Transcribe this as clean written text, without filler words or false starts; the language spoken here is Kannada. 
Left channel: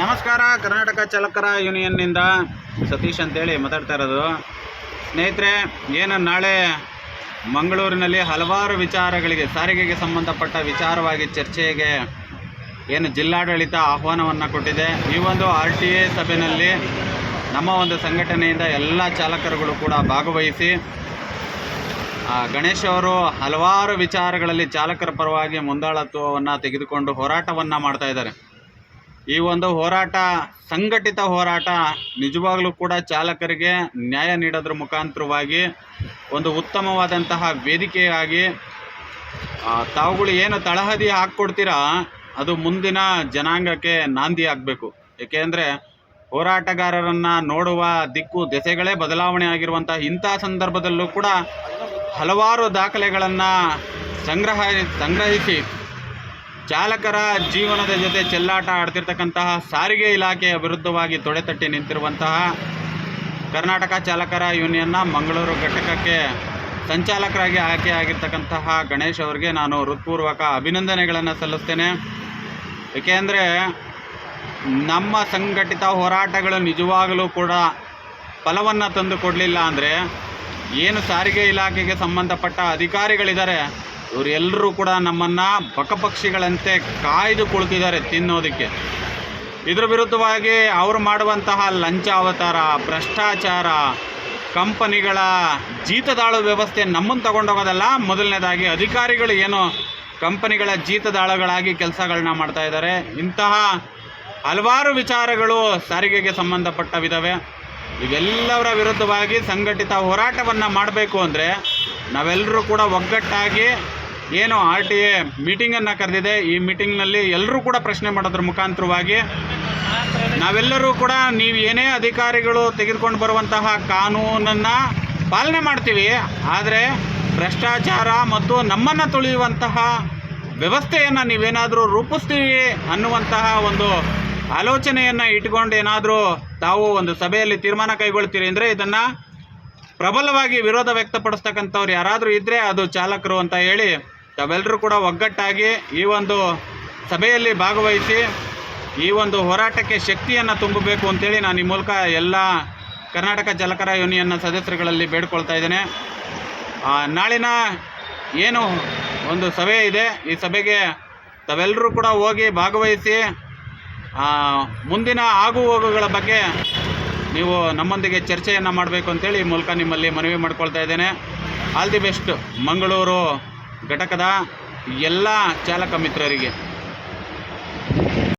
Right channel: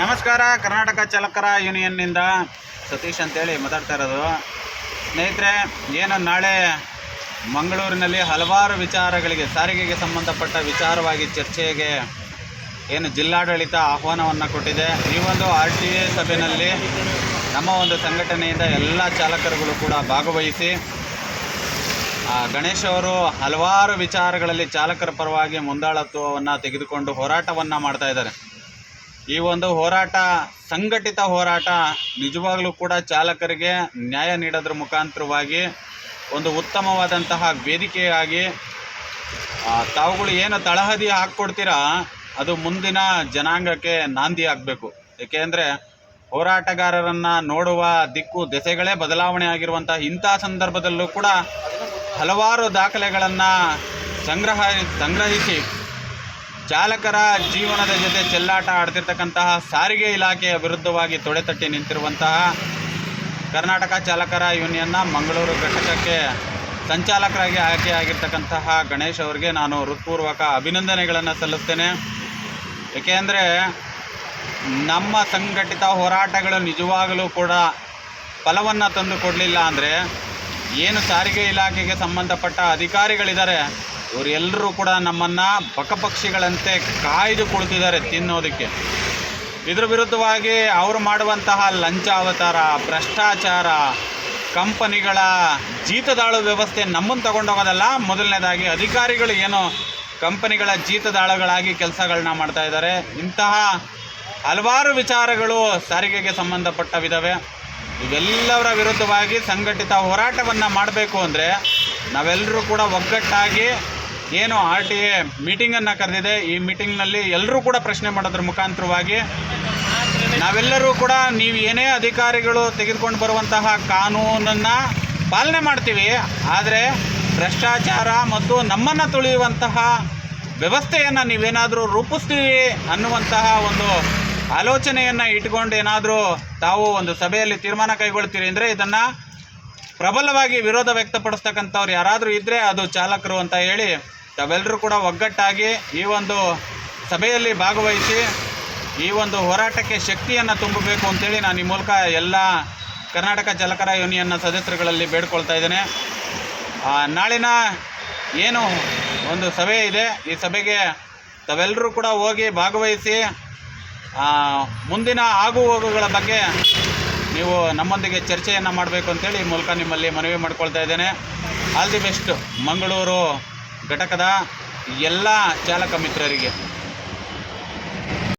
ನಮಸ್ಕಾರ. ಕರ್ನಾಟಕ ಚಾಲಕರ ಯೂನಿಯನ್ನಿಂದ ಸತೀಶ್ ಅಂತೇಳಿ ಮಾತಾಡ್ತಾ ಇರೋದು. ಸ್ನೇಹಿತರೆ, ಏನು ನಾಳೆ ಮಂಗಳೂರಿನಲ್ಲಿ ಹಲವಾರು ವಿಚಾರಗಳಿಗೆ, ಸಾರಿಗೆಗೆ ಸಂಬಂಧಪಟ್ಟ ವಿಚಾರವಾಗಿ ಚರ್ಚೆಗೆ ಏನು ಜಿಲ್ಲಾಡಳಿತ ಆಹ್ವಾನವನ್ನು ಕೊಟ್ಟಿದೆ. ಈ ಒಂದು RTA ಸಭೆಯಲ್ಲಿ ನಮ್ಮ ಒಂದು ಸಂಘಟನೆಯಿಂದ ಎಲ್ಲ ಚಾಲಕರುಗಳು ಕೂಡ ಭಾಗವಹಿಸಿ ಗಣೇಶ್ ಅವರು ಹಲವಾರು ವಿಚಾರಗಳಲ್ಲಿ ಚಾಲಕರ ಪರವಾಗಿ ಮುಂದಾಳತ್ವವನ್ನು ತೆಗೆದುಕೊಂಡು ಹೋರಾಟವನ್ನು ಮಾಡ್ತಾ ಇದ್ದಾರೆ. ಈ ಒಂದು ಹೋರಾಟ ಸಂಘಟಿತ ಹೋರಾಟ ನಿಜವಾಗಲೂ ಕೂಡ ಚಾಲಕರಿಗೆ ನ್ಯಾಯ ನೀಡೋದ್ರ ಮುಖಾಂತರವಾಗಿ ಒಂದು ಉತ್ತಮವಾದಂತಹ ವೇದಿಕೆಯಾಗಿ ತಾವುಗಳು ಏನು ತಳಹದಿ ಹಾಕ್ಕೊಡ್ತೀರಾ ಅದು ಮುಂದಿನ ಜನಾಂಗಕ್ಕೆ ನಾಂದಿ ಆಗಬೇಕು. ಏಕೆಂದರೆ ಹೋರಾಟಗಾರರನ್ನು ನೋಡುವ ದಿಕ್ಕು ದೆಸೆಗಳೇ ಬದಲಾವಣೆ ಆಗಿರುವಂಥ ಇಂಥ ಸಂದರ್ಭದಲ್ಲೂ ಕೂಡ ಹಲವಾರು ದಾಖಲೆಗಳನ್ನು ಸಂಗ್ರಹಿಸಿ ಚಾಲಕರ ಜೀವನದ ಜೊತೆ ಚೆಲ್ಲಾಟ ಆಡ್ತಿರ್ತಕ್ಕಂತಹ ಸಾರಿಗೆ ಇಲಾಖೆಯ ವಿರುದ್ಧವಾಗಿ ತೊಡೆತಟ್ಟಿ ನಿಂತಿರುವಂತಹ ಕರ್ನಾಟಕ ಚಾಲಕರ ಯೂನಿಯನ್ನ ಮಂಗಳೂರು ಘಟಕಕ್ಕೆ ಸಂಚಾಲಕರಾಗಿ ಆಯ್ಕೆಯಾಗಿರ್ತಕ್ಕಂತಹ ಗಣೇಶ್ ಅವರಿಗೆ ನಾನು ಹೃತ್ಪೂರ್ವಕ ಅಭಿನಂದನೆಗಳನ್ನು ಸಲ್ಲಿಸ್ತೇನೆ. ಏಕೆಂದರೆ ನಮ್ಮ ಸಂಘಟಿತ ಹೋರಾಟಗಳು ನಿಜವಾಗಲೂ ಕೂಡ ಫಲವನ್ನು ತಂದು ಕೊಡಲಿಲ್ಲ ಅಂದರೆ ಏನು ಸಾರಿಗೆ ಇಲಾಖೆಗೆ ಸಂಬಂಧಪಟ್ಟ ಅಧಿಕಾರಿಗಳಿದ್ದಾರೆ ಇವರೆಲ್ಲರೂ ಕೂಡ ನಮ್ಮನ್ನು ಬಕಪಕ್ಷಿಗಳಂತೆ ಕಾಯ್ದು ಕುಳಿತಿದ್ದಾರೆ ತಿನ್ನೋದಕ್ಕೆ. ಇದ್ರ ವಿರುದ್ಧವಾಗಿ ಅವರು ಮಾಡುವಂತಹ ಲಂಚಾವತಾರ, ಭ್ರಷ್ಟಾಚಾರ, ಕಂಪನಿಗಳ ಜೀತದಾಳು ವ್ಯವಸ್ಥೆ ನಮ್ಮನ್ನು ತಗೊಂಡೋಗೋದಲ್ಲ. ಮೊದಲನೇದಾಗಿ ಅಧಿಕಾರಿಗಳು ಏನು ಕಂಪನಿಗಳ ಜೀತದಾಳುಗಳಾಗಿ ಕೆಲಸಗಳನ್ನ ಮಾಡ್ತಾ ಇದ್ದಾರೆ. ಇಂತಹ ಹಲವಾರು ವಿಚಾರಗಳು ಸಾರಿಗೆಗೆ ಸಂಬಂಧಪಟ್ಟವಿದ್ದಾವೆ. ಇವೆಲ್ಲವರ ವಿರುದ್ಧವಾಗಿ ಸಂಘಟಿತ ಹೋರಾಟವನ್ನು ಮಾಡಬೇಕು ಅಂದರೆ ನಾವೆಲ್ಲರೂ ಕೂಡ ಒಗ್ಗಟ್ಟಾಗಿ ಏನು RTA ಮೀಟಿಂಗನ್ನು ಕರೆದಿದೆ, ಈ ಮೀಟಿಂಗ್ನಲ್ಲಿ ಎಲ್ಲರೂ ಕೂಡ ಪ್ರಶ್ನೆ ಮಾಡೋದ್ರ ಮುಖಾಂತರವಾಗಿ ನಾವೆಲ್ಲರೂ ಕೂಡ ನೀವು ಏನೇ ಅಧಿಕಾರಿಗಳು ತೆಗೆದುಕೊಂಡು ಬರುವಂತಹ ಕಾನೂನನ್ನು ಪಾಲನೆ ಮಾಡ್ತೀವಿ, ಆದರೆ ಭ್ರಷ್ಟಾಚಾರ ಮತ್ತು ನಮ್ಮನ್ನು ತುಳಿಯುವಂತಹ ವ್ಯವಸ್ಥೆಯನ್ನು ನೀವೇನಾದರೂ ರೂಪಿಸ್ತೀವಿ ಅನ್ನುವಂತಹ ಒಂದು ಆಲೋಚನೆಯನ್ನು ಇಟ್ಕೊಂಡು ಏನಾದರೂ ತಾವು ಒಂದು ಸಭೆಯಲ್ಲಿ ತೀರ್ಮಾನ ಕೈಗೊಳ್ತೀರಿ ಅಂದರೆ ಇದನ್ನು ಪ್ರಬಲವಾಗಿ ವಿರೋಧ ವ್ಯಕ್ತಪಡಿಸ್ತಕ್ಕಂಥವ್ರು ಯಾರಾದರೂ ಇದ್ದರೆ ಅದು ಚಾಲಕರು ಅಂತ ಹೇಳಿ ತಾವೆಲ್ಲರೂ ಕೂಡ ಒಗ್ಗಟ್ಟಾಗಿ ಈ ಒಂದು ಸಭೆಯಲ್ಲಿ ಭಾಗವಹಿಸಿ ಈ ಒಂದು ಹೋರಾಟಕ್ಕೆ ಶಕ್ತಿಯನ್ನು ತುಂಬಬೇಕು ಅಂತೇಳಿ ನಾನು ಈ ಮೂಲಕ ಎಲ್ಲ ಕರ್ನಾಟಕ ಚಾಲಕರ ಯೂನಿಯನ್ನ ಸದಸ್ಯರುಗಳಲ್ಲಿ ಬೇಡ್ಕೊಳ್ತಾ ಇದ್ದೇನೆ. ನಾಳಿನ ಏನು ಒಂದು ಸಭೆ ಇದೆ, ಈ ಸಭೆಗೆ ತಾವೆಲ್ಲರೂ ಕೂಡ ಹೋಗಿ ಭಾಗವಹಿಸಿ ಮುಂದಿನ ಆಗುಹೋಗುಗಳ ಬಗ್ಗೆ ನೀವು ನಮ್ಮೊಂದಿಗೆ ಚರ್ಚೆಯನ್ನು ಮಾಡಬೇಕು ಅಂತೇಳಿ ಈ ಮೂಲಕ ನಿಮ್ಮಲ್ಲಿ ಮನವಿ ಮಾಡ್ಕೊಳ್ತಾ ಇದ್ದೇನೆ. ಆಲ್ ದಿ ಬೆಸ್ಟ್ ಮಂಗಳೂರು ಘಟಕದ ಎಲ್ಲ ಚಾಲಕ ಮಿತ್ರರಿಗೆ.